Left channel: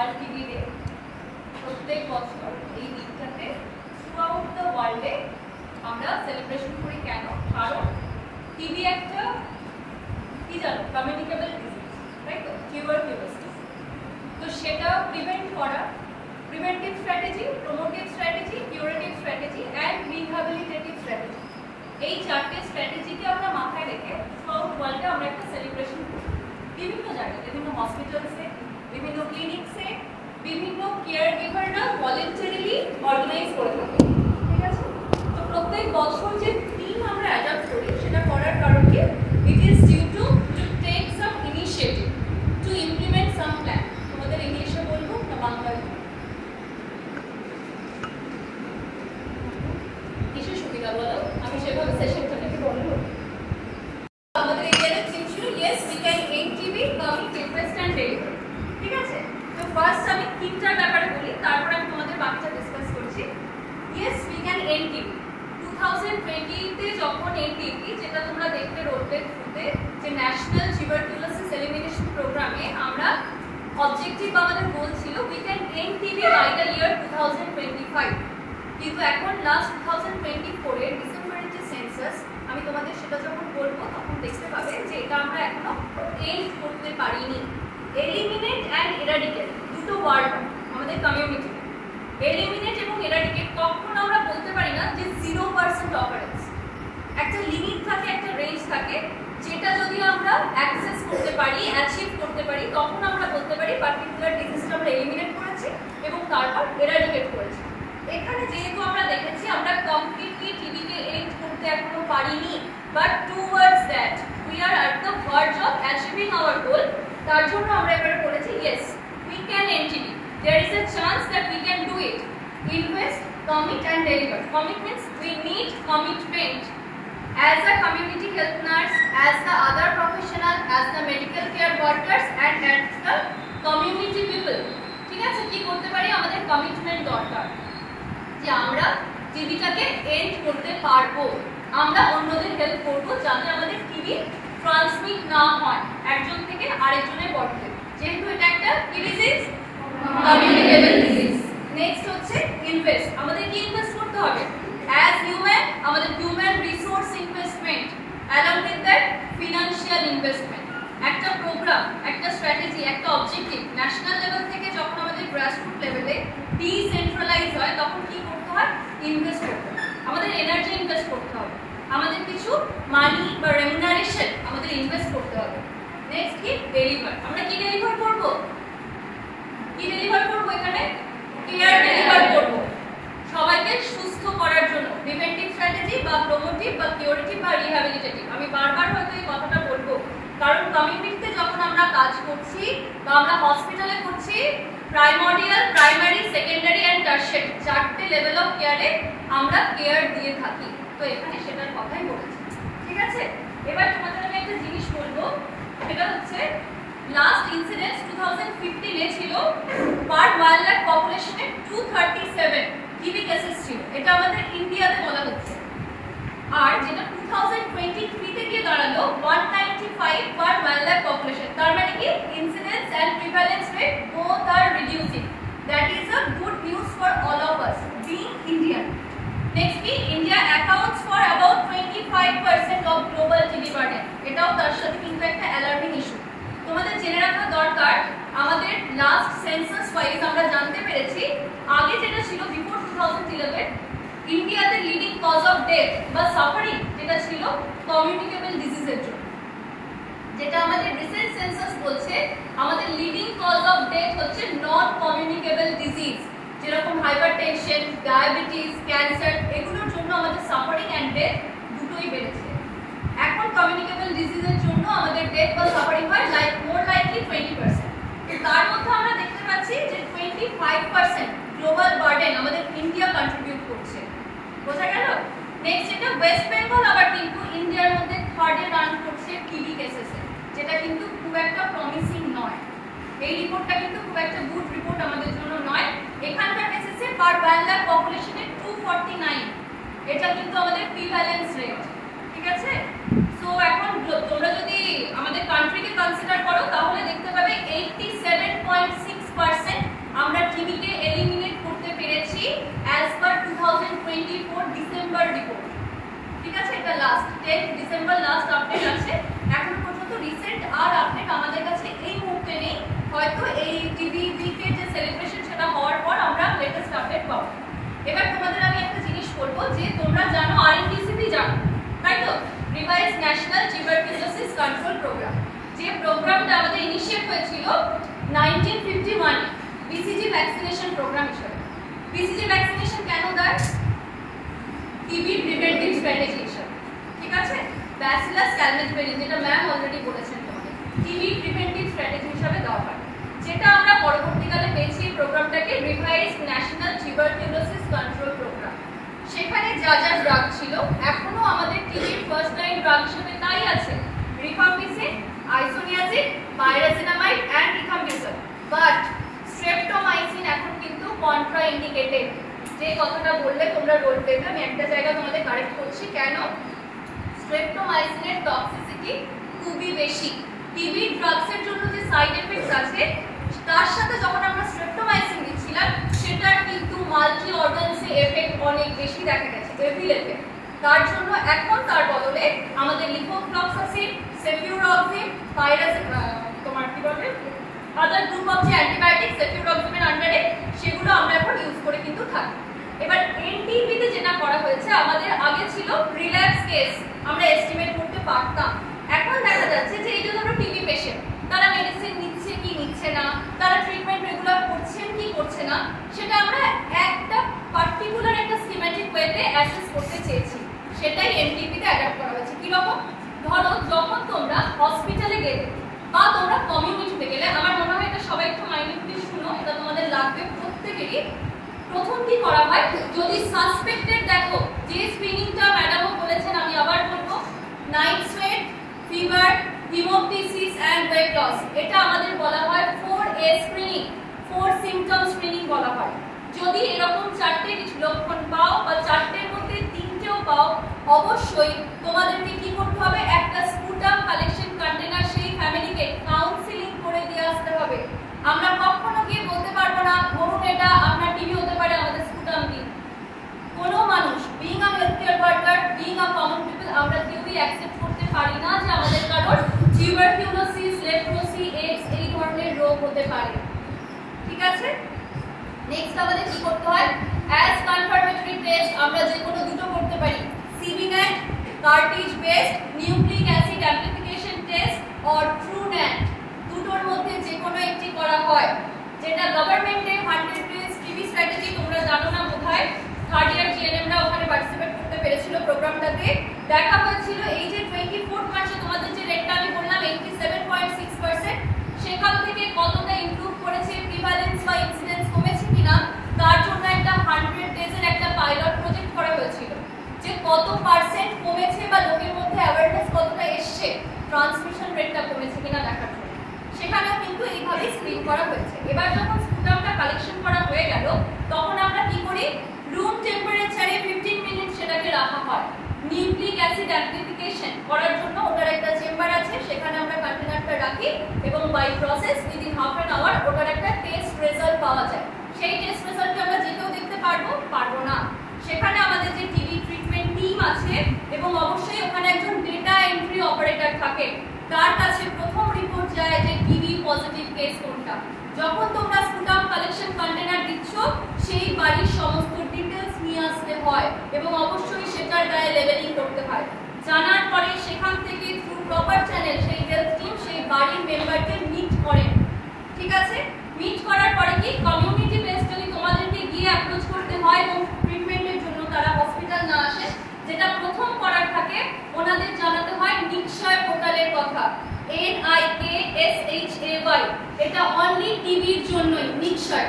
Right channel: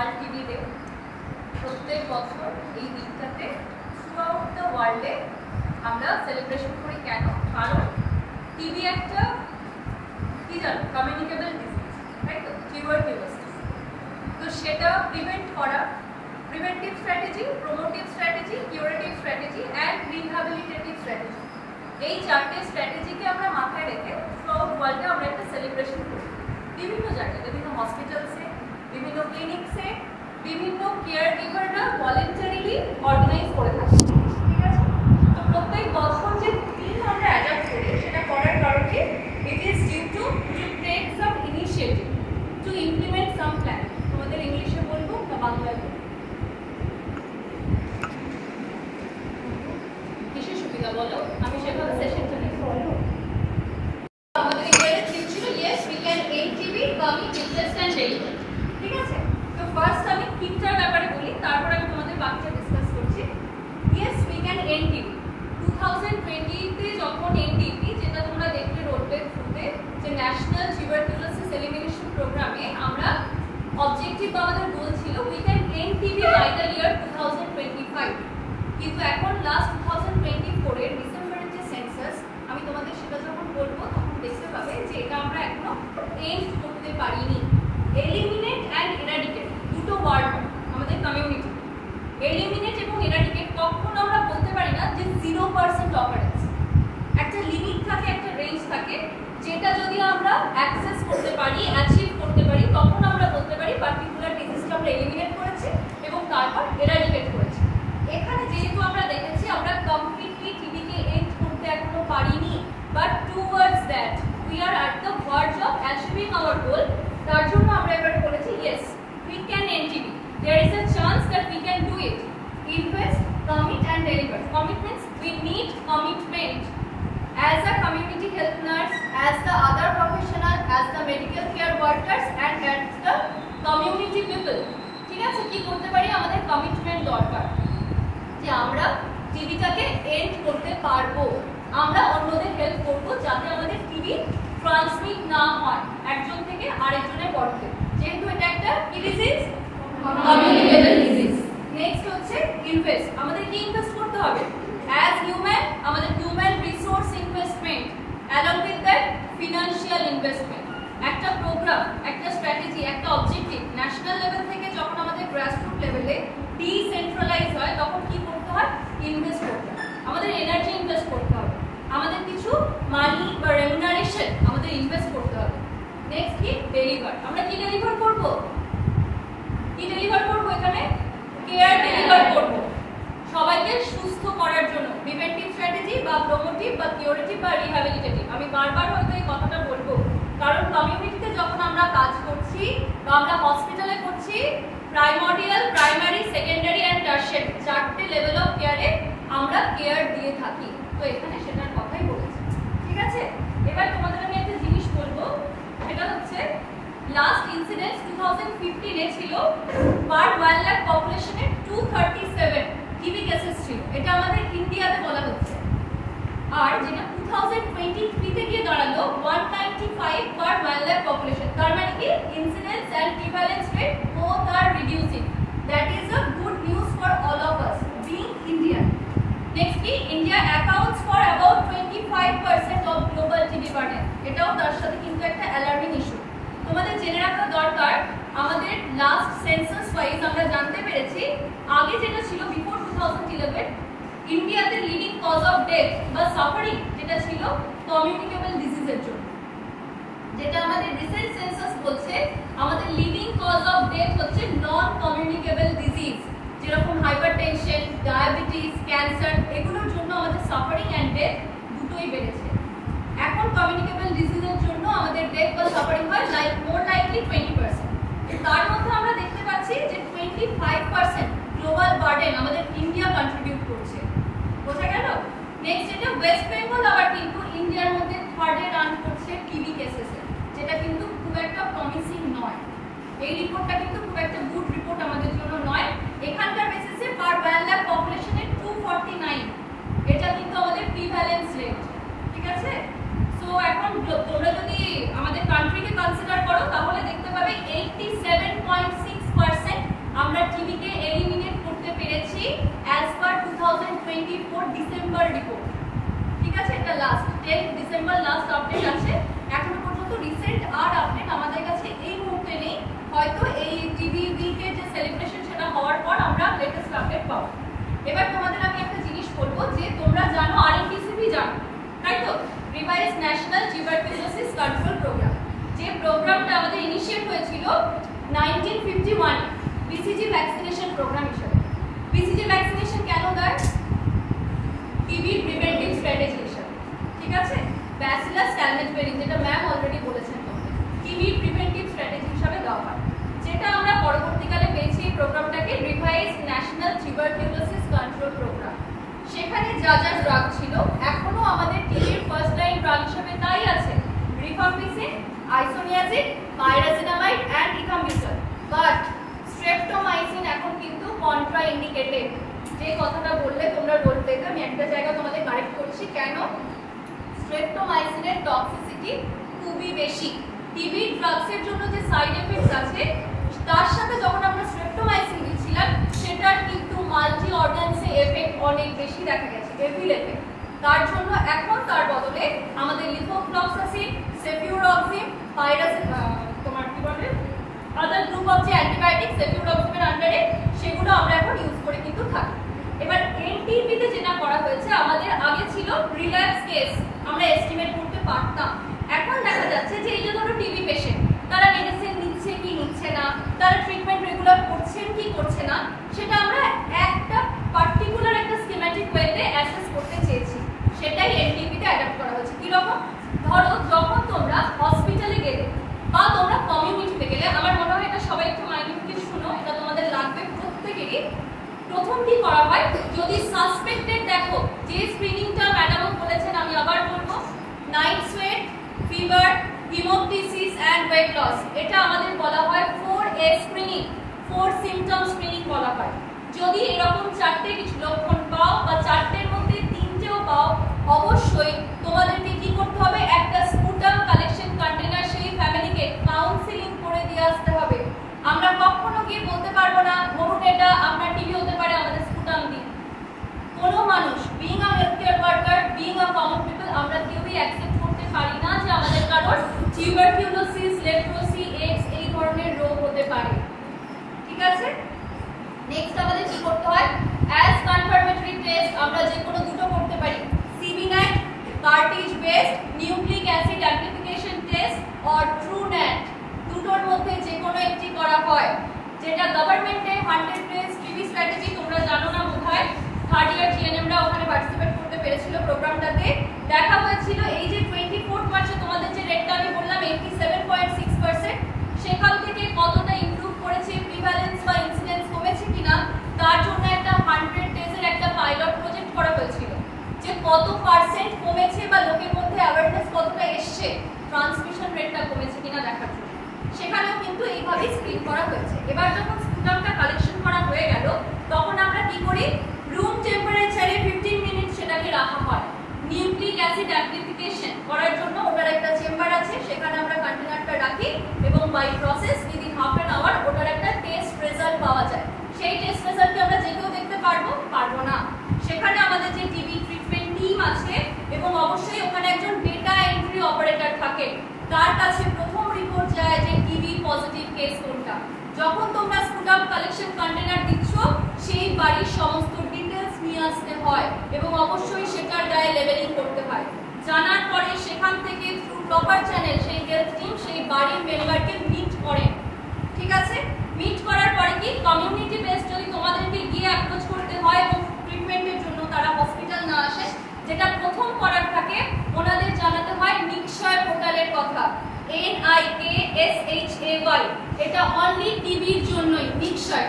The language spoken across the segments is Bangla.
World TV day. প্রত্যেক বছর এই দিনটাতে থ্রুআউট দ্য ওয়ার্ল্ডে আমরা সেলিব্রেশন করি। কেন? কারণ টিবি একটা কি জানো, কমিউনিকেবল ডিজিজ, তাই তো, টিউবারকিউলোসিস। তো সেটা প্রিভেন্ট করা, preventive strategy, promotive strategy, curative strategy and rehabilitative strategy, এই চারটে স্ট্র্যাটেজিকে আমরা মাথায় রেখে থ্রুআউট ওয়ার্ল্ডে আমরা একটা সেলিব্রেশন করি। বিভিন্ন জায়গায়, বিভিন্ন হসপিটালসে, বিভিন্ন ক্লিনিক্সে, বিভিন্ন কেয়ার গিভাররা ভলেন্টারিলি অর্গানাইজ করে থাকে। ঠিক আছে? তো প্রত্যেক বছর যে থিম আমরা অ্যাডাপ্ট করি সেটা করার কারণ কি? It is due to take some initiative to implement some plan. তোমাদের ইংলিশে বলবো না বাংলায় বলবো? কিসের সুবিধা বলো? আমি সেভাবে সেশনটা নেব। আমাদের এখানে থিম ছিল yes we can end TB, commit, invest and deliver. ঠিক আছে? তো ফার্স্ট আমি থিমটার ব্যাপারে বলি, তারপর আমি তোমাদের বাকিটা ডিসকাস করছি। Yes we can end TB 2020 তে যখন এনটিবি, যেটা তোমরা দেখতে রোডবে থ্রুতে, যে ন্যাশনাল টিউবারকিউলোসিস এলিমিনেশন প্রোগ্রামে আমরা অবজেক্টিভ আমাদের গোল ছিল we can end TB by the year 2025। কিন্তু এখন লাস্ট 2024 এর ডিসেম্বরের যে সেন্সাস, আমি তোমাদের সেটা যখন বলবো তখন দেখতে পাবে যে এটা আমরা এখনো এন্ড করতে পারিনি। এলিমিনেট অ্যান্ড এরাডিকেট দুটো ওয়ার্ড আমাদের কমিউনিটি। এলিমিনেট এবং এরাডিকেট কখনো আমরা বলতে পারি না যে 0% অকারেন্স। একটা লিমিট থাকে, একটা রেঞ্জ থাকে, যেটা যদি আমরা অ্যাক্সেস করতে পারি, অ্যাচিভ করতে পারি, তখন আমরা বলতে পারি পার্টিকুলার ডিজিজটা আমরা এলিমিনেট করেছি এবং তারপর এরাডিকেট করেছি। এখানে যেহেতু আমরা দেখেছি আমরা কমপ্লিটলি টিবিকে এন্ড করতে এখনো পারিনি, but towards that we are at the verge of achieving our goal. তার জন্য আমরা এবারে বলেছি yes we can end TB, there is a chance that we can do it. Invest, commit and deliver. Commit means we need commitment as a community health nurse, as the other professional, as the medical care workers and as the community people. ঠিক আছে? কি করতে পারি? আমাদের কমিটমেন্ট দরকার যে আমরা টিবিটাকে এন্ড করতে পারবো, আমরা অন্যদের হেল্প করব যাতে আমাদের টিবি ট্রান্সমিট না হয় একজন থেকে আরেকজনের বডিতে, যেহেতু এটা একটা কি ডিজিজ? Communicable disease. নেক্সট হচ্ছে ইনভেস্ট। আমাদের কি ইনভেস্ট করতে হবে? অ্যাজ হিউম্যান আমাদের human resource investment along with that financial investment. একটা প্রোগ্রাম, একটা স্ট্র্যাটেজি, একটা অবজেক্টিভ ন্যাশনাল লেভেল থেকে যখন আমাদের গ্রাসরুট লেভেলে ডিসেন্ট্রালাইজ হয় তখন কি করতে হয়? ইনভেস্ট করতে হয়। আমাদের এনার্জি ইনভেস্ট করতে হবে, আমাদের কিছু মানি বা রেমুনারেশন আমাদের ইনভেস্ট করতে হবে। নেক্সট কি? ডেলিভার। আমরা কি ডেলিভার করব? কি ডেলিভার করব? এখানে কেয়ার ডেলিভার করব সবাইকে সুস্থ করার জন্য। প্রিভেন্টিভ স্ট্র্যাটেজি বা প্রমোটিভ বা কিউরেটিভ বা রিহ্যাবিলিটেটিভ। আমি বারবার হয়তো এই কথাটা বলবো, কারণ কমিউনিটিতে যখন আমরা কাজ করছি বা আমরা হসপিটালে করছি, প্রাইমারি, সেকেন্ডারি অ্যান্ড টারশিয়ারি চারটে লেভেল অফ কেয়ারে আমরা কেয়ার দিয়ে থাকি। তো এখানে সেটার কথাই বলেছি। ঠিক আছে? এবার তোমাদের আমি একটা জিনিস বলবো, সেটা হচ্ছে লাস্ট ইনসিডেন্স 2015 এ ছিল পার 1 লাখ পপুলেশনে 237 টিবি কেসেস ছিল। এটা আমাদের ইন্ডিয়াতে বলা হচ্ছে। আর যেটা 2023 তে গিয়ে দাঁড়ালো 195 পার 1 লাখ পপুলেশন। তার মানে কি? Incidence and prevalence rate both are reducing. That is a good news for all of us being Indian. Next কি? India accounts for about 25% of global TB burden. এটাও তার সাথে কিন্তু একটা অ্যালার্মিং ইস্যু। তোমাদের জেনে রাখা দরকার, আমাদের লাস্ট সেন্সাস ওয়াইজ আমরা জানতে পেরেছি আগে যেটা ছিল বিফোর 2011 ইন্ডিয়াতে লিডিং কজ অফ ডেথ বা সাফারিং যেটা ছিল কমিউনিকেবল ডিজিজের জন্য। যেটা আমাদের রিসেন্ট সেন্সাস বলছে আমাদের লিডিং কজ অফ ডেথ হচ্ছে নন কমিউনিকেবল ডিজিজ, যেরকম হাইপারটেনশন, ডায়াবেটিস, ক্যান্সার, এগুলোর জন্য আমাদের সাফারিং অ্যান্ড ডেথ দুটোই বেড়েছে। এখন কমিউনিকেবল ডিজিজের জন্য আমাদের ডেথ বা সাফারিং হয় মোর লাইকলি 20%। তার মধ্যে আমরা দেখতে পাচ্ছি যে 25% গ্লোবাল বার্ডেন আমাদের ইন্ডিয়া কন্ট্রিবিউট করছে। বোঝা গেল? নেক্সট যেটা ওয়েস্ট বেঙ্গল আবার কিন্তু ইন্ডিয়ার মধ্যে থার্ডে রান করছে টিবি কেসেসে, যেটা কিন্তু খুব একটা প্রমিসিং নয়। এই রিপোর্টটা কিন্তু খুব একটা গুড রিপোর্ট আমাদের জন্য নয়। এখানকার বেসিসে পার 1 লাখ পপুলেশনে 249, এটা কিন্তু আমাদের প্রিভ্যালেন্স রেট। ঠিক আছে? সো এখন তোমরা যদি আমাদের কান্ট্রিকে কনসিডার করো তাহলে দেখতে পাবে 87.6% 24 ডিসেম্বর রিপোর্ট, ঠিক আছে, এটা লাস্ট 10 ডিসেম্বর লাস্ট আপডেট আছে। এখনো পর্যন্ত রিসেন্ট আর আপডেট আমাদের কাছে এই মুহূর্তে নেই, হয়তো এই টিভিতে যে সেলিব্রেশন সেটা হওয়ার পর আমরা লেটেস্ট আপডেট পাবো। এবার তোমাদের আমি একটা জিনিস বলবো যে তোমরা জানো আরএনটিসিপি জানো, তাই তো, revised national tuberculosis control programme, যে প্রোগ্রামটা আমাদের ইনিশিয়েট হয়েছিল 1951 বিসিজি ভ্যাকসিনেশন প্রোগ্রাম হিসেবে। বিসিজি ভ্যাকসিনেশন কেন দেয়? টিবি প্রিভেন্টিভ স্ট্র্যাটেজি হিসেবে, ঠিক আছে, ব্যাসিলাস ক্যালমেটবেরি যেটা ম্যাম অলরেডি বলেছেন তোমাদের, টিবি প্রিভেন্টিভ স্ট্র্যাটেজি হিসেবে দেওয়া হয়, যেটা আমরা পরবর্তীকালে পেয়েছি এই প্রোগ্রামটাকে revise national tuberculosis control programme. সেখানে যা যা ড্রাগ ছিল এখনো আমাদের টিবির ফার্স্ট লাইন ড্রাগ হিসেবে তাই আছে, rifampicin, isoniazid, pyrazinamide and rifampicin, but streptomycin এখন কিন্তু কন্ট্রা ইন্ডিকেটেড। যে কথাটা বললে তোমরা বলতে, আমি একটা জায়গা তোমাদের কারেক্ট করছি, কেন? স্ট্রেপ্টোমাইসিনের টক্সিসিটি খুবই বেশি। টিবি ড্রাগসের জন্য যে সাইড এফেক্টস আছে তার সাথে যখন আমরা স্ট্রেপ্টোমাইসিন দিচ্ছিলাম সেটার কিন্তু মাল্টি অর্গানসে এফেক্ট অনেক বেশি দেখা গেছে, এভিল এফেক্ট। তার জন্য এখন তার বদলে আমাদের লিভোফ্লক্সাসিন, সেফিউরক্সিম, তোমার কি বলে আদার গ্রুপ অফ যে অ্যান্টিবায়োটিক সেফিউরক্সিমের আন্ডারে সেগুলো আমরা এখন ইউজ করে কিন্তু থাকি। এবার এনটিপিতে যেটা করা হয়েছে, আমাদের আগে ছিল রিল্যাপস কেস আমরা এস্টিমেট করতে পারতাম, এখন দেখা যাচ্ছে যে এই যে ধরো টিবি পেশেন্ট তারা মেডিসিন নিচ্ছে কি নিচ্ছে না, তারা ট্রিটমেন্ট রেগুলার করছেন কি করছে না, সেটা আমরা একটা পার্টিকুলার একটা স্কিম্যাটিক ওয়েতে অ্যাসেস করতে চেয়েছি, সেটাই এনটিপিতে অ্যাডাপ্ট করা হয়েছে। কিরকম? ধরো যখন তোমরা হসপিটালে গেলে বা তোমরা কমিউনিটিতে গেলে, আমার মনে হয় এটা সবাই একটু মাইন্ডলি শুনো, এটা তোমাদের লাগবে প্রত্যেকেরই। প্রথম কি করা হয়, যদি সাসপেক্টেড দেখো, যে স্ক্রিনিংটা ম্যাডামও বলেছেন আমি আবার বলবো, night sweat, fever, haemoptysis and weight loss, এটা আমাদের বলা হয় 4A স্ক্রিনিং, 4 সিম্পটম স্ক্রিনিং বলা হয়। যদি এরকম চারটে কিছু লক্ষণ পাও বা চারটের মধ্যে তিনটেও পাও, অবশ্যই তোমাদেরকে কি করতে হবে, একটা স্পুটাম কালেকশন কন্টেনার সেই ফ্যামিলিকে কাউন্সিলিং করে দিয়ে আসতে হবে। আমরা কখনো গিয়ে বলতে পারবো না ধরুন এটা আপনার টিবি হতে পারে, আমাদের স্পুটাম দিন। কোনো মানুষ being a health care worker, being a common people, আমরা কেউই অ্যাকসেপ্ট করতে পারি না যে আমাদের কারোর টিউবারকুলোসিস, লেপ্রোসি, এইডস এই ধরনের রোগ হতে পারে, ঠিক আছে। নেক্সট আমাদের কি করতে হয়, অ্যাজ কনফার্মেটরি টেস্ট আমরা যে কোনো দুটো করতে পারি, CBNAAT, cartridge based nucleic acid amplification test or Truenat, দুটোর মধ্যে যে কোনো একটি করা হয়। যেটা গভর্নমেন্টের 100 ডেজ টিবি স্ট্র্যাটেজি তোমরা জানো না বোধহয়, থার্ড ইয়ার জিএনএমরা ওখানে পার্টিসিপেট করতে পেরেছিল প্রোগ্রামটাতে। দেখা হয়েছিল এই যে 24 মার্চে তোমাদের যে রেটটা আমি বললাম 87.6%, সেখান থেকে কতটা ইমপ্রুভ করেছে, প্রিভ্যালেন্স বা ইনসিডেন্স কমেছে কিনা, তার জন্য একটা 100 ডেজের একটা পাইলট প্রজেক্ট করা হয়েছিল, যে কত পার্সেন্ট কমেছে বা লোকের মধ্যে অ্যাওয়ারনেস কতটা এসছে, ট্রান্সমিশন রেটটা কমেছে কিনা দেখার জন্য। সেখানেও কিন্তু এইভাবে স্ক্রিন করা হয়েছে। এবার যখন স্পুটামটা কালেকশন করা হয়ে গেল, তখন আমরা কি করি, রুম টেম্পারেচারে 15 মিনিট সেটাকে রাখা হয় নিউক্লিক অ্যাসিড অ্যামপ্লিফিকেশন করার জন্য। ওটার একটা চেম্বার আছে, সেখানে আমরা কন্টেনারটা রাখি এবং by process within half an hour ওটার একটা টেস্ট রেজাল্ট পাওয়া যায়। সেই টেস্ট রেজাল্টকে আমরা যে কেউ দেখতে পারবো না। সেখানে আমাদের যে টিবি ট্রিটমেন্ট টিম আছে এবং অবশ্যই ওখানে একজন ডেটা এন্ট্রি অপারেটর থাকে, তার কাছে প্রথম রিপোর্ট যায় যে টিবি পজিটিভ কেস কোনটা। যখন তোমরা স্পুটাম কালেকশন কন্টেনার দিচ্ছ, সেই বাড়ির সমস্ত ডিটেলস নিয়ে আসতে হয় এবং অবশ্যই সেটার গায়ে লেবেলিং করতে হয়। জানার পরে সেখান থেকে থ্রু প্রপার চ্যানেল সেই হেলথ টিম সেই বাড়ির মেম্বারকে মিট করেন, ঠিক আছে। মিট করার পরে কি কমিউনিটি বেস যদি তোমাদেরকে গিয়ে অ্যাপ্রোচ করতে হয় এবং ট্রিটমেন্টের জন্য তারা হসপিটাল না আসে, যেটা প্রথম করার থাকে ওনাদের জানাতে হয় নিক্ষয় পোর্টালের কথা, NIKSHAY, এটা অনলি টিবির জন্যই নিক্ষয়।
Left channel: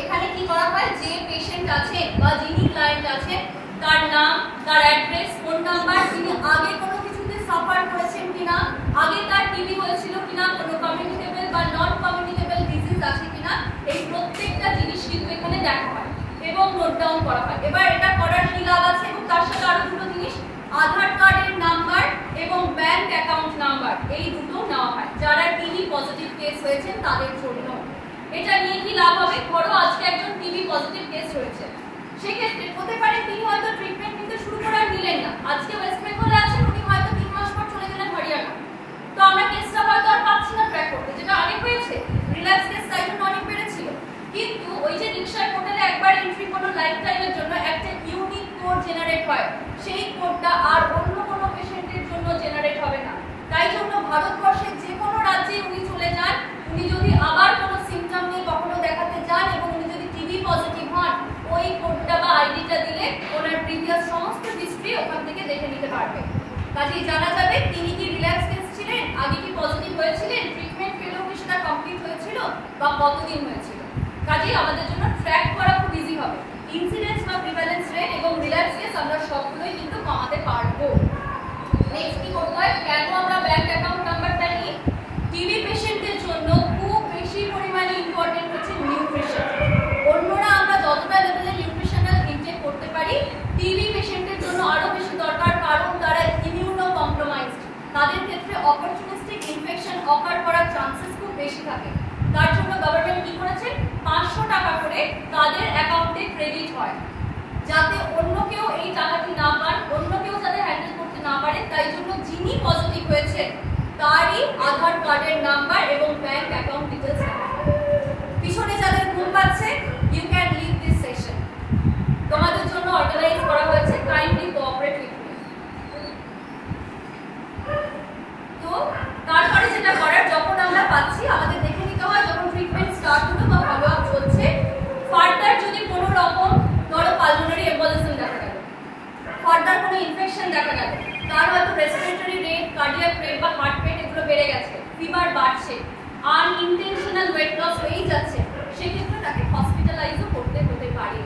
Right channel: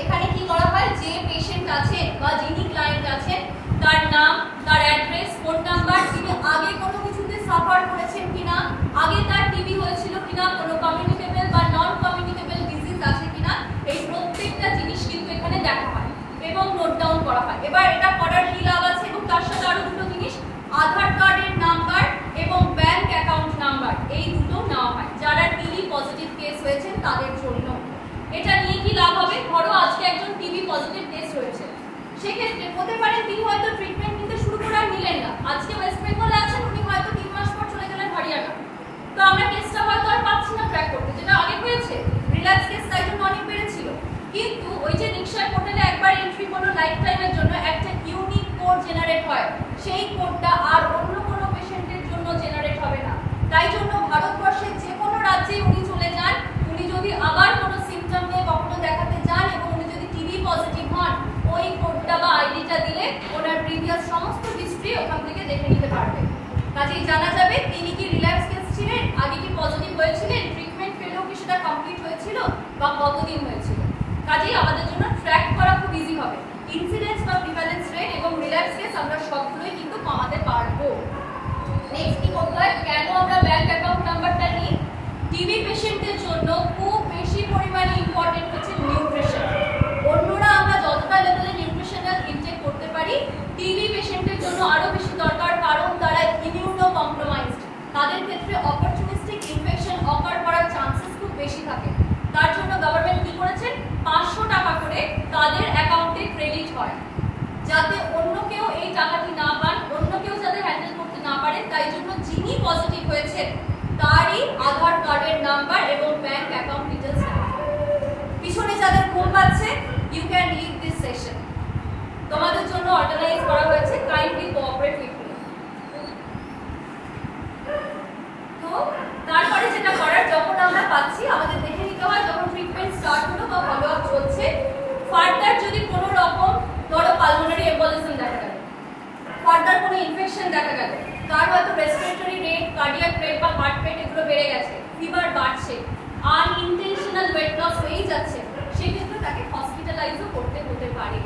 এখানে কি করা হয়, যে পেশেন্ট আছে বা যিনি ক্লায়েন্ট আছে তার নাম, তার অ্যাড্রেস, ফোন নাম্বার, তিনি আগে কোনো কিছুতে সাফার করেছেন কিনা, আগে তার টিবি হয়েছিল কিনা, কোনো কমিউনিকেবল বা নন কমিউনিকেবল ডিজিজ আছে কিনা, এই প্রত্যেকটা জিনিস কিন্তু এখানে দেখা হয় এবং নোট ডাউন করা হয়। এবার এটা করার কি লাভ আছে, এবং তার সাথে আরো দুটো জিনিস, আধার কার্ডের নাম্বার এবং ব্যাংক অ্যাকাউন্ট নাম্বার, এই দুটো নেওয়া হয় যারা টিবি পজিটিভ কেস হয়েছে তাদের জন্য। এটা নিয়ে কি লাভ হবে, ধরো আজকে একজন টিবি পজিটিভ কেস রয়েছে, সেক্ষেত্রে হতে পারে তিনি হয়তো ট্রিটমেন্ট নিতে শুরু করে আর নিলেন না, আজকে ওয়েস্ট বেঙ্গলে আছেন, উনি হয়তো 3 মাস পর চলে গেলেন হরিয়ানা, তো আমরা কেসটা হয়তো আর পাচ্ছি না ট্র্যাক করতে, যেটা আগে হয়েছে রিল্যাক্স কেস তাই জন্য অনেক বেড়েছিল। কিন্তু ওই যে নিশ্চয় পোর্টালে একবার এন্ট্রি কোনো লাইফ টাইমের জন্য একটা ইউনিক কোড জেনারেট হয়, সেই কোডটা আর অন্য কোনো পেশেন্টের জন্য জেনারেট হবে না। তাই জন্য ভারতবর্ষের যে কোনো রাজ্যে উনি চলে যান, উনি যদি আবার কোনো সিমটম নিয়ে কখনো দেখাতে যান এবং উনি যদি টিবি পজিটিভ হন, ওই কোডটা বা আইডিটা দিলে ওনার প্রিভিয়াস সমস্ত হিস্ট্রি ওখান থেকে দেখে নিতে পারবে। কাজেই জানা যাবে তিনি কি রিল্যাক্স কেস ছিলেন, আগে কি পজিটিভ হয়েছিলেন, ট্রিটমেন্ট পেলেও কি সেটা কমপ্লিট হয়েছিল বা কতদিন হয়েছিল। কাজেই আমাদের জন্য ট্র্যাক করা খুব ইজি হবে। ইনসিডেন্স বা প্রিভ্যালেন্স রেট এবং রিল্যাক্স কেস আমরা সবগুলোই কিন্তু কমাতে পারবো। নেক্সট কি করতে হয়, কেন আমরা ব্যাংক অ্যাকাউন্ট নাম্বারটা নিই? টিবি পেশেন্টের জন্য খুব বেশি পরিমাণে ইম্পর্টেন্ট হচ্ছে নিউট্রিশন। অন্যরা আমরা যতটা লেভেলে নিউট্রিশনাল ইনটেক করতে পারি, টিবি পেশেন্টের জন্য আরো বেশি দরকার, কারণ তারা ইমিউনো কম্প্রোমাইজড, তাদের ক্ষেত্রে অপরচুনিস্টিক ইনফেকশন অকার করার চান্সেস খুব বেশি থাকে। তার জন্য গভর্নমেন্ট কি করেছেন, 500 টাকা করে তাদের অ্যাকাউন্টে ক্রেডিট হয়, যাতে অন্য কেউ এই টাকাটি না পান, অন্য কেউ যাতে হ্যান্ডেল করতে না পারে। তাই জন্য যিনি পজিটিভ হয়েছে তারই আধার কার্ডের নাম্বার এবং ব্যাংক অ্যাকাউন্ট ডিটেইলস পিছনে যাদের ঘুম পাচ্ছে, you can leave this session, তোমাদের জন্য অর্গানাইজ করা হয়েছে, কাইন্ডলি কোঅপারেট উইথ মি। তো তারপরে যেটা করার, যখন আমরা পাচ্ছি আমাদের দেখে নিতে হয়, যখন ট্রিটমেন্ট স্টার্ট হলো বা ফলো আপ চলছে, ফার্দার যদি কোনো রকম ধরো পালমোনারি এম্বোলিজম দেখা গেল, ফার্দার কোনো ইনফেকশন দেখা গেল, তার হয়তো রেসপিরেটরি রেট, কার্ডিয়াক রেট বা হার্ট রেট এগুলো বেড়ে গেছে, ফিভার বাড়ছে, আনইনটেনশনাল ওয়েট লস হয়েই যাচ্ছে, সেক্ষেত্রে তাকে হসপিটালাইজও করতে হতে পারে।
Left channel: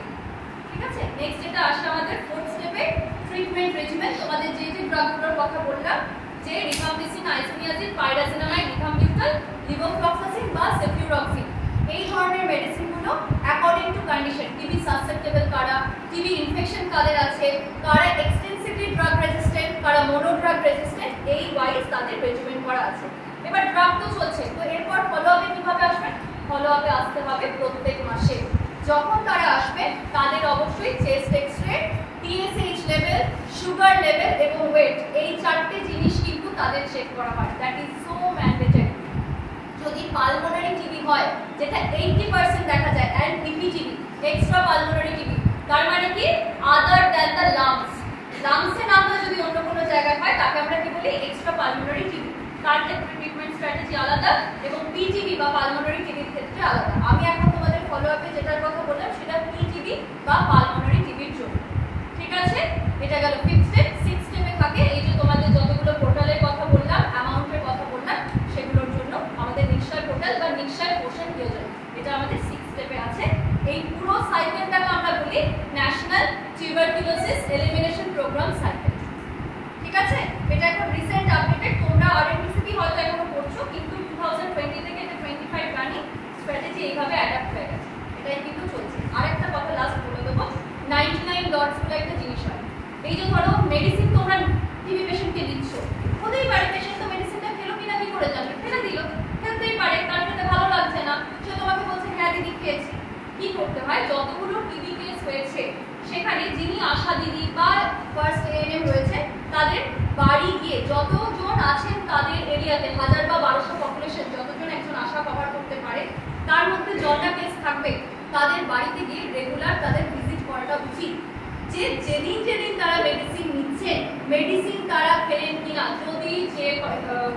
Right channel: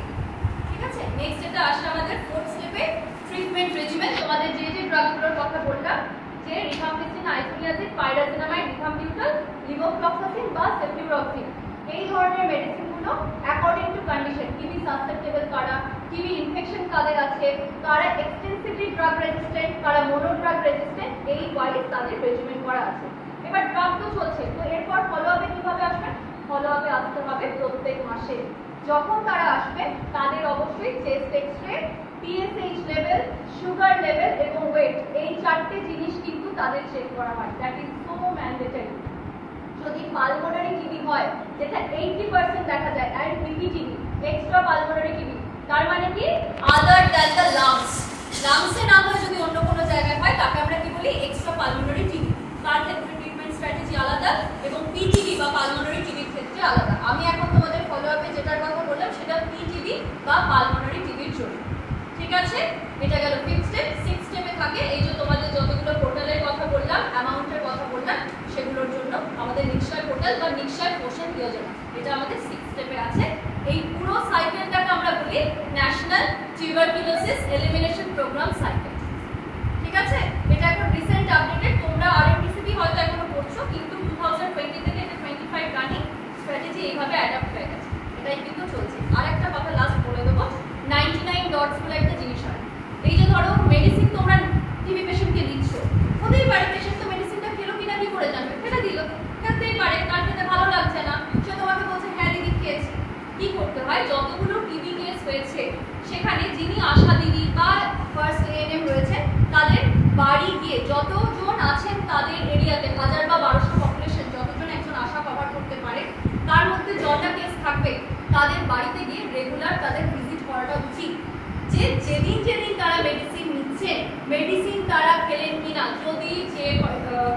ঠিক আছে, নেক্সট যেটা আসলে আমাদের ফোর্থ স্টেপে ট্রিটমেন্ট রেজিমেন। তোমাদের যে যে ড্রাগগুলোর কথা বললাম, যে রিফাম্পিসিন, আইসোনিয়াজিন, পাইরাজিনামাইড, রিফাম্বিউটাল, লিভোফ্লক্সাসিন বা সেফিউরক্সিন, এই ধরনের মেডিসিনগুলো অ্যাকর্ডিং টু কন্ডিশন, টিবি সাসসেপ্টেবল কারা, টিবি ইনফেকশন কাদের আছে, কারা এক্সটেন্সিভলি ড্রাগ রেজিস্ট্যান্ট, কারা মোনোড্রাগ রেজিস্ট্যান্ট, এই ওয়াইজ তাদের রেজিমেন্ট করা আছে। এবার ড্রাগ তো চলছে, তো এরপর ফলো আপে কিভাবে আসবে? ফলো আপে আসতে হবে প্রত্যেক মাসে। যখন তারা আসবে তাদের অবশ্যই chest x ray, TSH level, sugar level এবং ওয়েট, এই 4টে জিনিস কিন্তু তাদের চেক করা হয়। That is so mandatory. যদি পালমোনারি টিবি হয়, যেটা 80% দেখা যায়, and PPTB, extra pulmonary TB, তার মানে কি আদার দ্যান দ্য লাংস, লাংসের না হলে যদি অন্য কোনো জায়গায় হয়, তাকে আমরা কি বলি, এক্সট্রা পালমোনারি টিবি। তার ক্ষেত্রে ট্রিটমেন্ট স্ট্র্যাটেজি আলাদা এবং পিটিবি বা পালমোনারি টিবির ক্ষেত্রে আলাদা। আমি এখন তোমাদের ফলো আপে যেটার কথা বললাম সেটা পিটিবি বা পালমোনারি টিবির জন্য। ঠিক আছে, এটা গেল 5th স্টেপ। 6th স্টেপে থাকে এই যে তোমাদের যতগুলো পোর্টালের কথা বললাম, অ্যামাউন্টের কথা বললাম, সেগুলোর জন্য আমাদের নিশ্চয় পোর্টাল বা নিশ্চয় পোষণ যোজনা, এটা আমাদের 6th স্টেপে আছে। এই পুরো সাইকেলটাকে আমরা বলি national tuberculosis elimination programme cycle. ঠিক আছে, এটা একটা রিসেন্ট আপডেটেড, তোমরা আরএমডিসিপি হয়তো এখনো পড়ছো, কিন্তু 2020 থেকে 25 রানিং স্ট্র্যাটেজি এইভাবে অ্যাডাপ্ট হয়ে গেছে, এটাই কিন্তু চলছে। আরেকটা কথা লাস্ট বলে দেবো, 99 ডটস বলে একটা জিনিস হয়। এই যে ধরো মেডিসিন তোমরা টিবি পেশেন্টকে দিচ্ছ, হতেই পারে পেশেন্ট তো মেডিসিনটা খেলো কিনা কি করে জানবে, ফেলে দিল, খেলতেই পারে, তার খেতে ভালো লাগছে না, সে তোমাকে বলছে হ্যাঁ দিদি খেয়েছি। কি করতে হয়, যতগুলো টিবি কেস হয়েছে সেখানে যিনি আশা দিদি বা ফার্স্ট এএনএম রয়েছে, তাদের বাড়ি গিয়ে যতজন আছেন তাদের এরিয়াতে, 1000 বা 1200 পপুলেশন, যতজন একজন আশা কভার করতে পারে, তার মধ্যে যটা কেস থাকবে তাদের বাড়িতে গিয়ে রেগুলার তাদের ভিজিট করাটা উচিত। যে যেদিন যেদিন তারা মেডিসিন নিচ্ছেন, মেডিসিন তারা খেলেন কিনা, যদি যে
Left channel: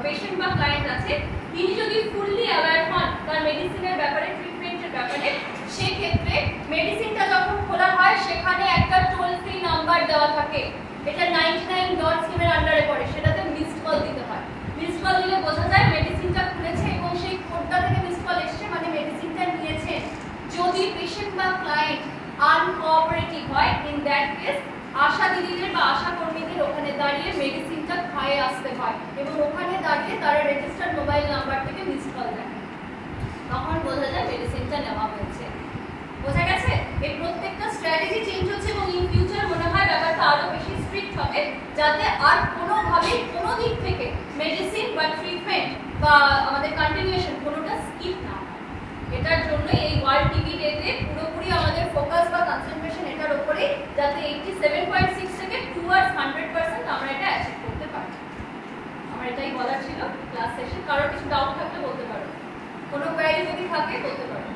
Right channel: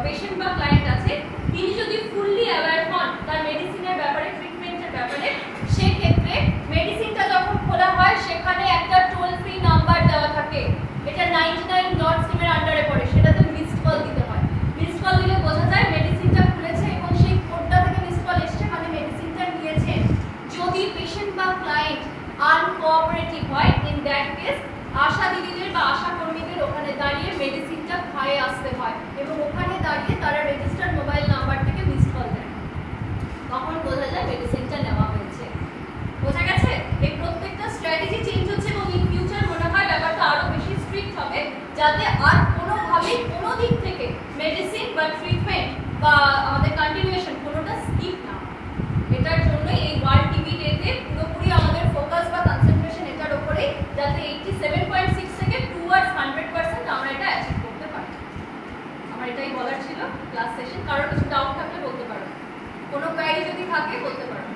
পেশেন্ট বা ক্লায়েন্ট আছে তিনি যদি ফুললি অ্যাওয়্যার হন তার মেডিসিনের ব্যাপারে, ট্রিটমেন্টের ব্যাপারে, সেক্ষেত্রে মেডিসিনটা যখন খোলা হয় সেখানে একটা টোল ফ্রি নাম্বার দেওয়া থাকে, এটা 99 ডট স্কিমের আন্ডারে পড়ে, সেটাতে মিসড কল দিতে হয়। মিসড কল দিলে বোঝা যায় মেডিসিনটা খুলেছে এবং সেই কোডটা থেকে মিসড কল এসছে, মানে মেডিসিনটা নিয়েছে। যদি পেশেন্ট বা ক্লায়েন্ট আনকোঅপারেটিভ হয়, ইন দ্যাট কেস আশা দিদিদের বা আশা কর্মীদের ওখানে দাঁড়িয়ে মেডিসিনটা খায়ে আসতে হয় এবং ওখানে দাঁড়িয়ে তারা রেজিস্টার্ড মোবাইল নাম্বার থেকে মিসড কল দেয়, তখন বোঝা যায় মেডিসিনটা নেওয়া হয়েছে। বোঝা গেছে? এই প্রত্যেকটা স্ট্র্যাটেজি চেঞ্জ হচ্ছে এবং ইন ফিউচার মনে হয় ব্যাপারটা আরো বেশি স্ট্রিক্ট হবে, যাতে আর কোনোভাবেই কোনো দিক থেকে মেডিসিন বা ট্রিটমেন্ট বা আমাদের কন্টিনিউশন কোনোটা স্কিপ না হয়। এটার জন্য এই ওয়ার্ল্ড টিবি ডেতে পুরোপুরি আমাদের ফোকাস বা কনসেন্ট্রেশন এটার উপরে কারো কিছু ডাউট থাকলে বলতে পারো, কোনো কোয়ারি যদি থাকে বলতে পারো।